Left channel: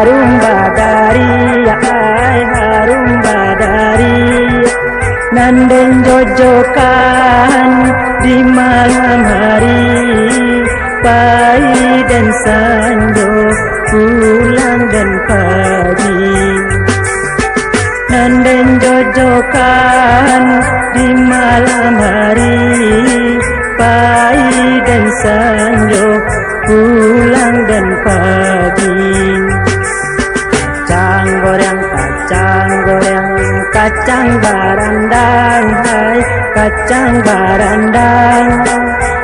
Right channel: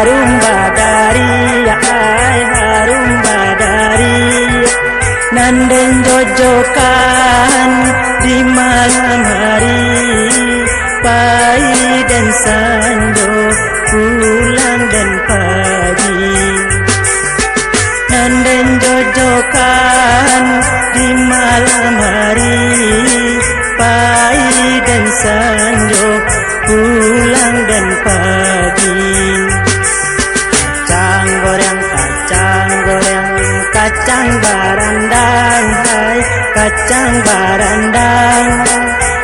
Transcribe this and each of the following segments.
harum badari, harum badari. Nandeng jojokan di malam hari, pagi dan sanjo, pulang dan pagi. Nandeng jojokan di malam hari, pagi dan sanjo, pulang dan pagi. Kacang barandang, hai kacang barandang.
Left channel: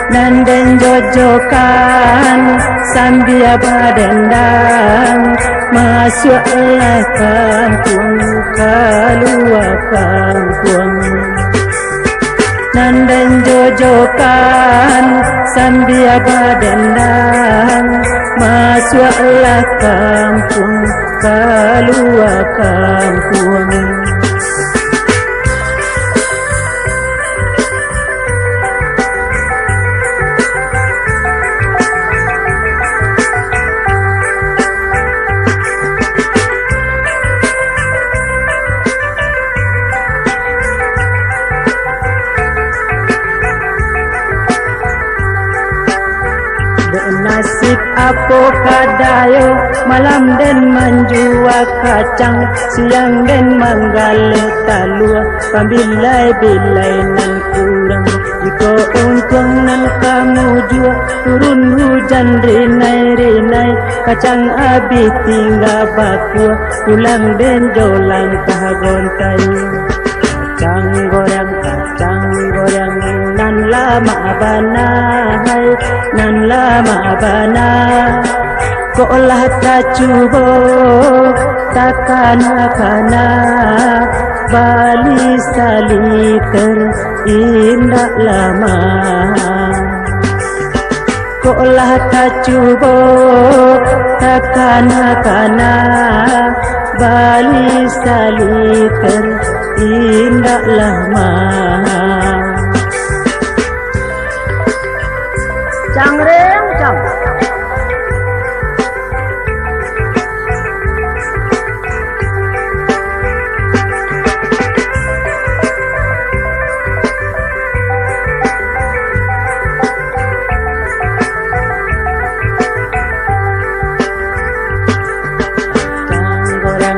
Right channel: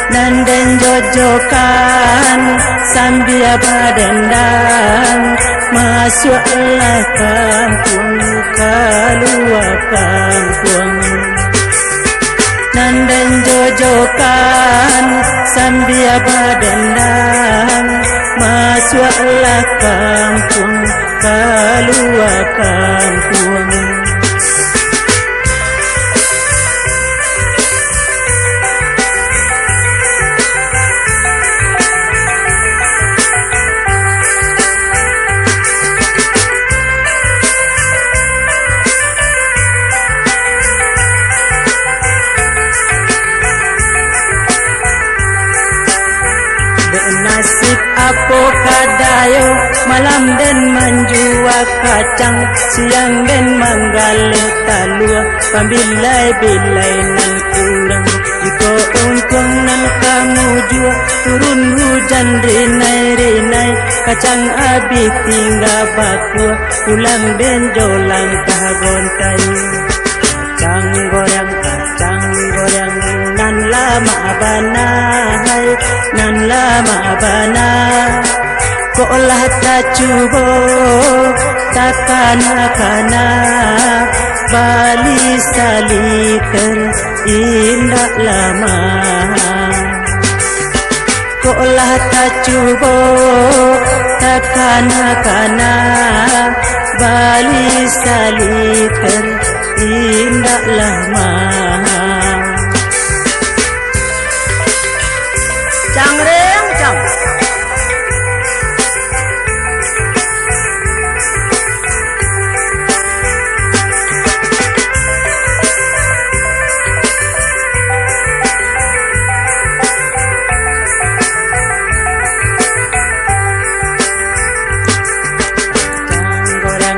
Nandeng jojokan sambil badendang, masuklah kampung, keluar kampung. Nandeng jojokan sambil badendang, masuklah kampung, keluar kampung. Nasib apa kadayo, malam dan menjual kacang, siang dan manggalih talua, pambilai-bilai nan kurang. Jika untung nan kamu jual, turun hujan rinai-rinai, kacang habis tinggal bakua, pulang dan jolang kagontai. Kacang goreng, nan lama bana, hai nan lama bana. Kolah tacubo takana-kana, bali saliter indah lama. Kolah tacubo takana-kana, bali saliter indah lama. Cangreng cang.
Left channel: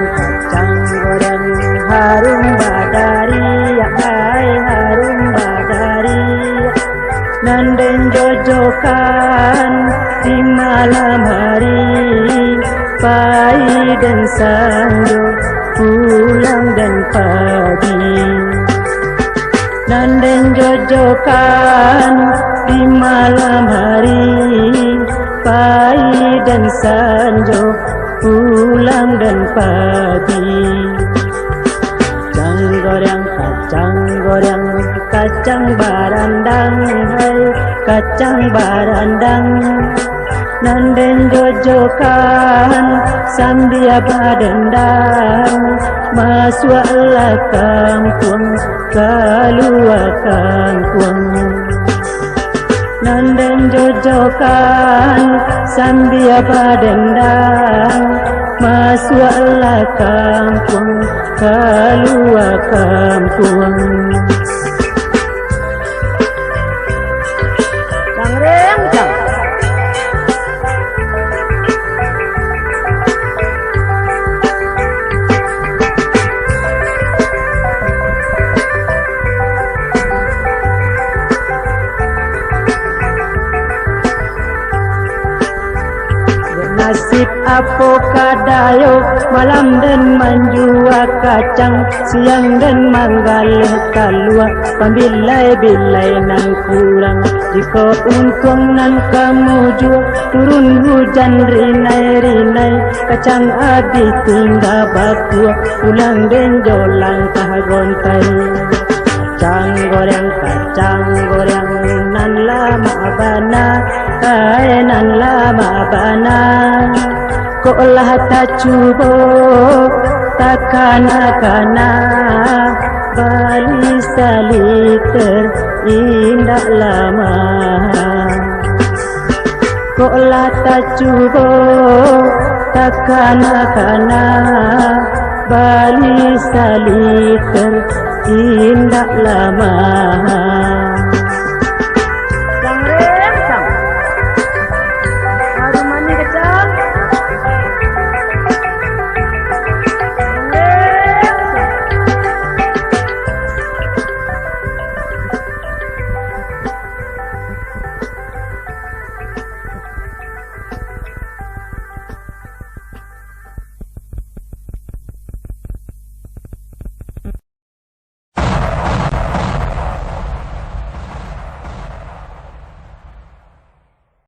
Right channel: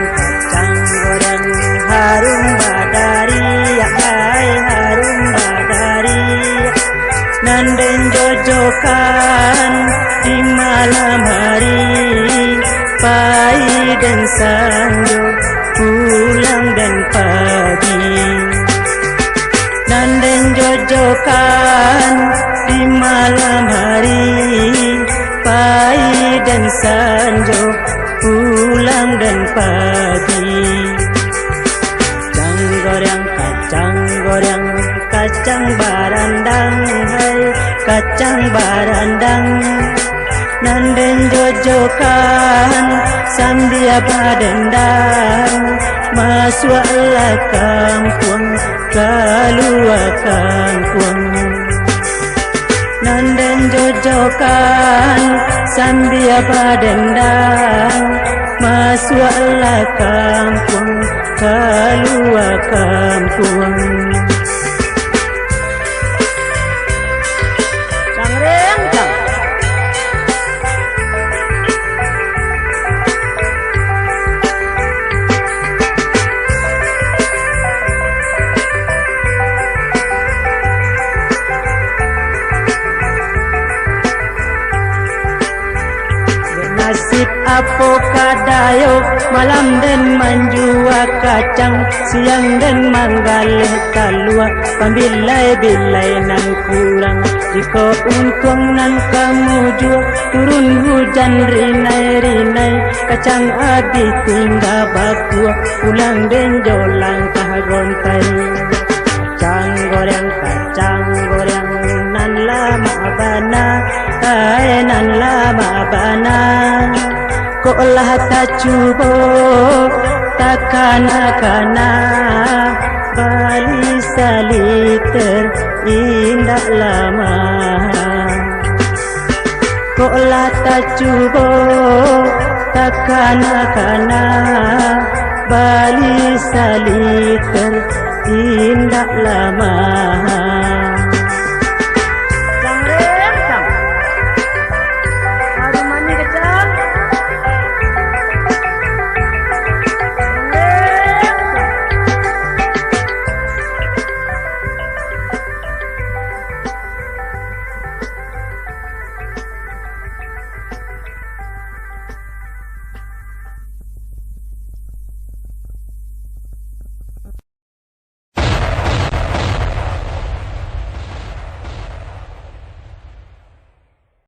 Kacang goreng, harum badari, hai harum badari. Nandeng jojokan di malam hari, pagi dan sanjo, pulang dan pagi. Nandeng jojokan di malam hari, pagi dan sanjo, pulang dan pagi. Kacang barandang, hai kacang barandang. Nandeng jojokan sambil badendang, masuklah kampung, keluar kampung. Nandeng jojokan sambil badendang, masuklah kampung, keluar kampung. Cangreng cang. Nasib apa kadayo, malam dan menjual kacang, siang dan manggalih talua, pambilai-bilai nan kurang. Jika untung nan kamu jual, turun hujan rinai-rinai, kacang habis tinggal bakua, pulang dan jolang kagontai. Kacang goreng, nan lama bana, hai nan lama bana. Kolah tacubo takana-kana, bali saliter indah lama. Koklah tak cuba tak kana-kana Bali saliter indah lama